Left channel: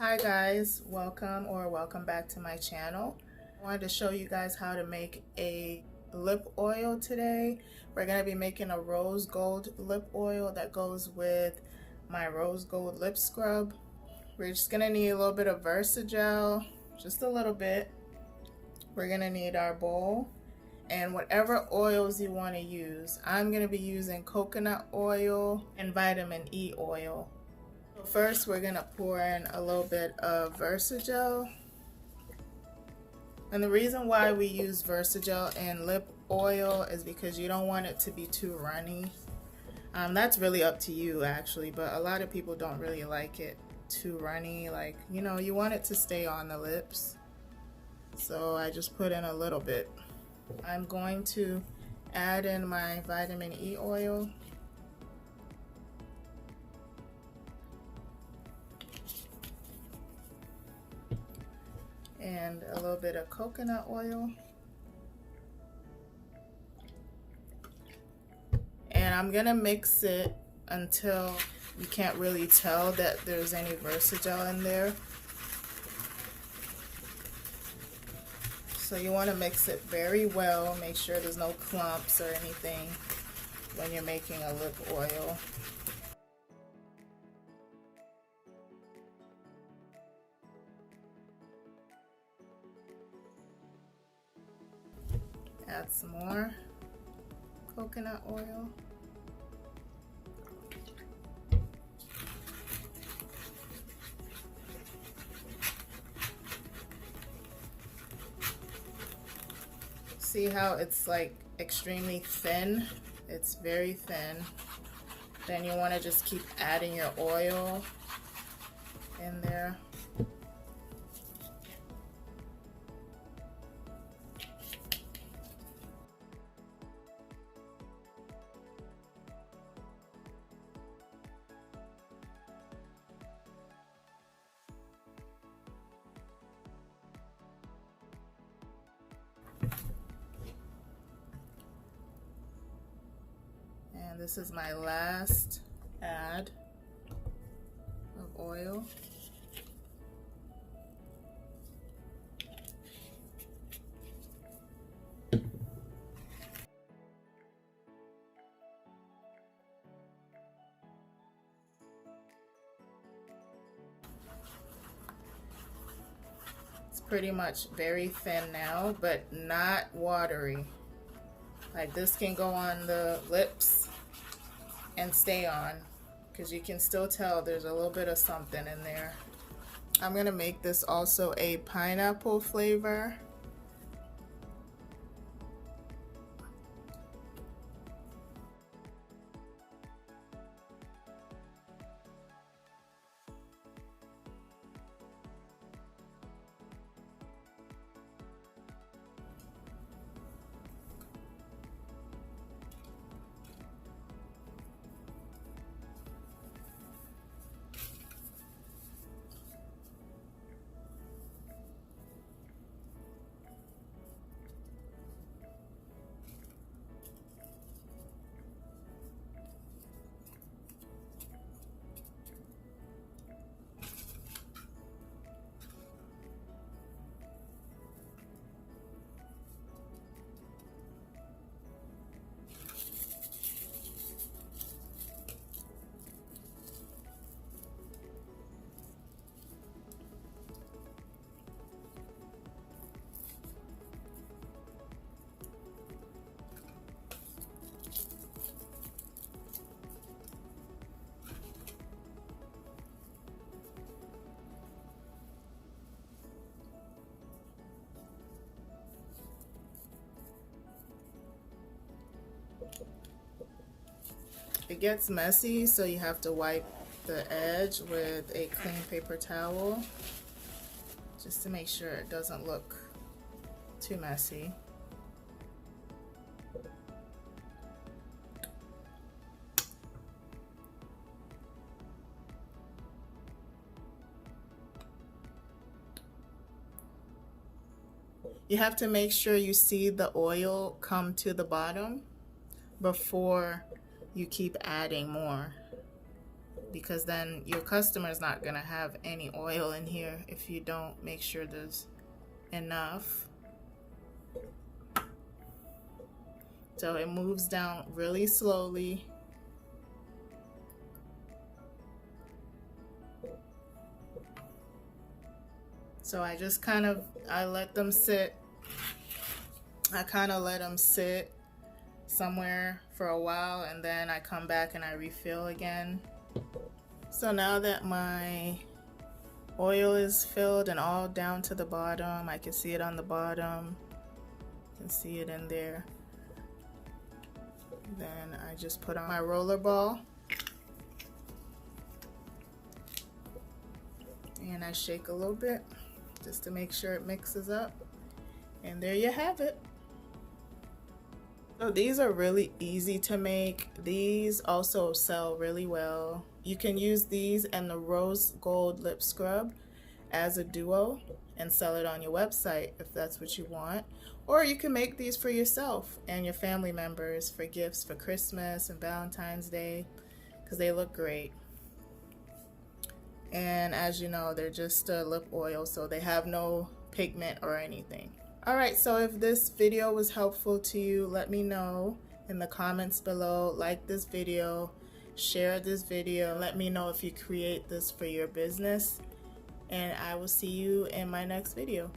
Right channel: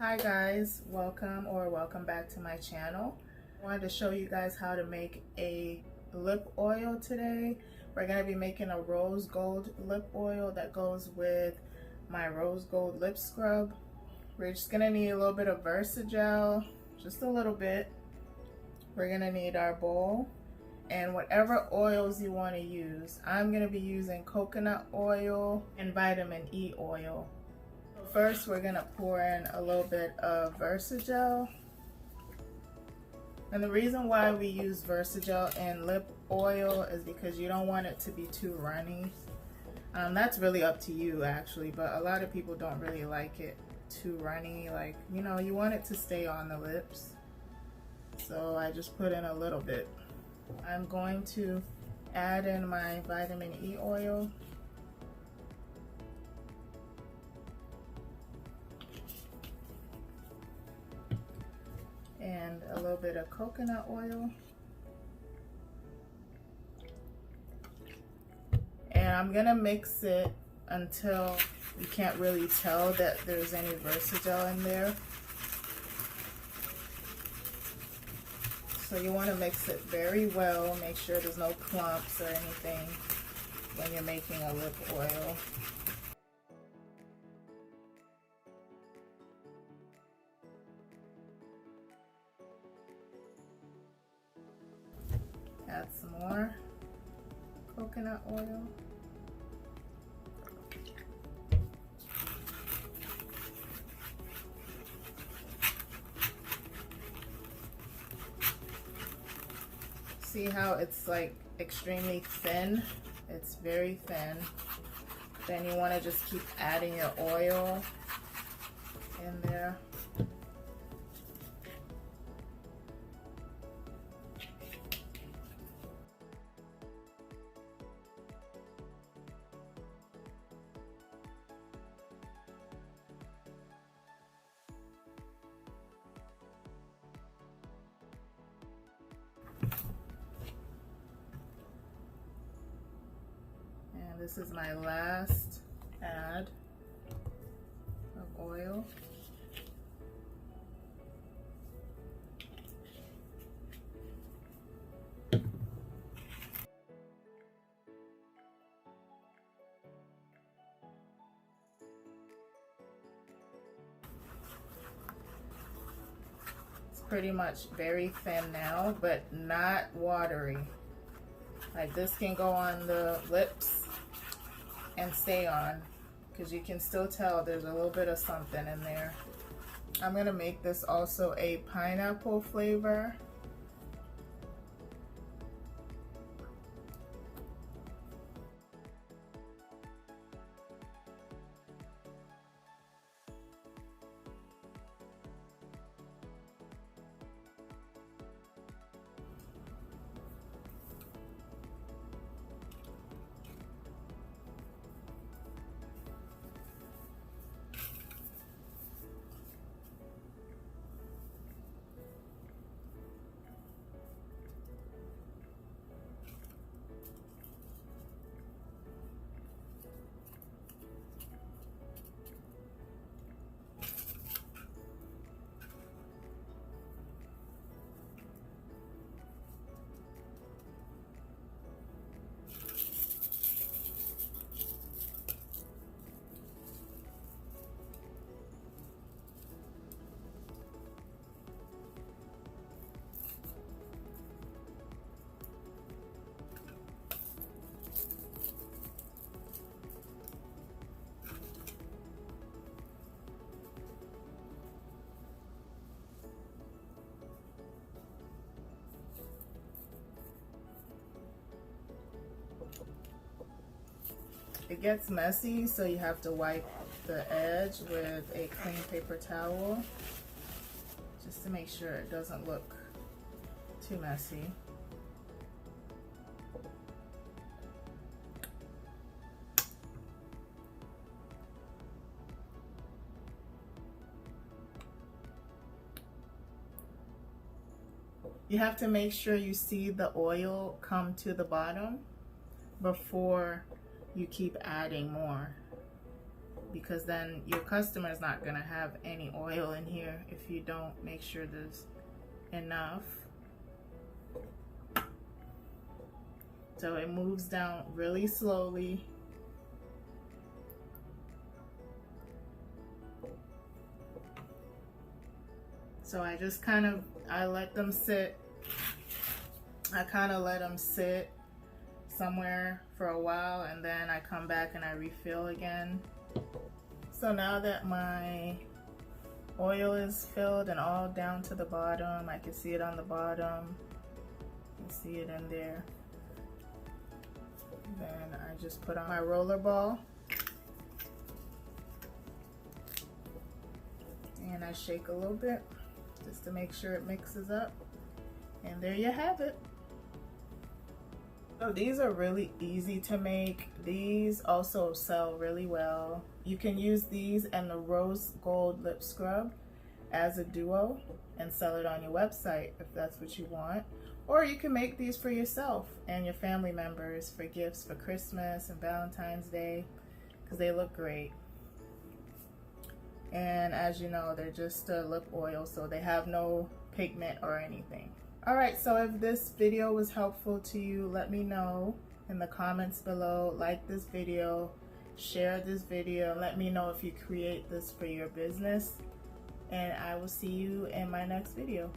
Hi guys, welcome back to my channel. I wanted to show you guys how to make a lip oil today. We're going to be making a rose gold lip oil that goes with my rose gold lip scrub. We're just going to need a little bit of Versagel, just a little bit. We're going to need our bowl and whatever oils you want to use. I'm going to be using coconut oil and vitamin E oil. First, we're gonna pour in a little bit of Versagel. And the reason why we use Versagel in lip oil is because you don't want it to be too runny. That's really up to you actually, but a lot of people don't really like it too runny. Like, you know, you want it to stay on the lips. So I just put in a little bit. I'm going to add in my vitamin E oil. And a little bit of coconut oil. And I'm gonna mix it until you can't really tell that there's any Versagel in there. So you wanna mix it very well, make sure there's no clumps or anything when you're making a lip oil. Add some more coconut oil. See how it's like extremely thin? It's very thin. Then you want to just keep adding your oil in there. This is my last add of oil. It's pretty much very thin now, but not watery. Like this can go on the lips and stay on, because you can still tell there's a little bit of something in there. I'm gonna make this also a pineapple flavor. It gets messy, so you have to wipe the edge with a clean paper towel just to make sure it doesn't look too messy. You have to make sure you see the oil come to the bottom before you keep adding more. because then your customer's not gonna have any oil in here if you don't make sure there's enough. So it moves down really slowly. So I just I let them sit. I kind of let them sit somewhere for a while, and then I come back and I refill again. So now that my oil is filled and all down to the bottom, I can see it on the bottom, you can see it in there. Then I just put on my roller ball and I shake a little bit just to make sure it mixes up, and there you have it. So these are really easy to make. These also sell really well. You can use these and the rose gold lip scrub as a duo and sell it on your website if that's what you want. Or you can make these for yourself and your family members for gifts for Christmas and Valentine's Day, because they look great. And as you know, they're just a lip oil, so they have no pigment or anything. Alright, so if this video was helpful to you, let me know in the comments below. Like this video, share this video, let me know if you create this for your business, and I will see you in my next video.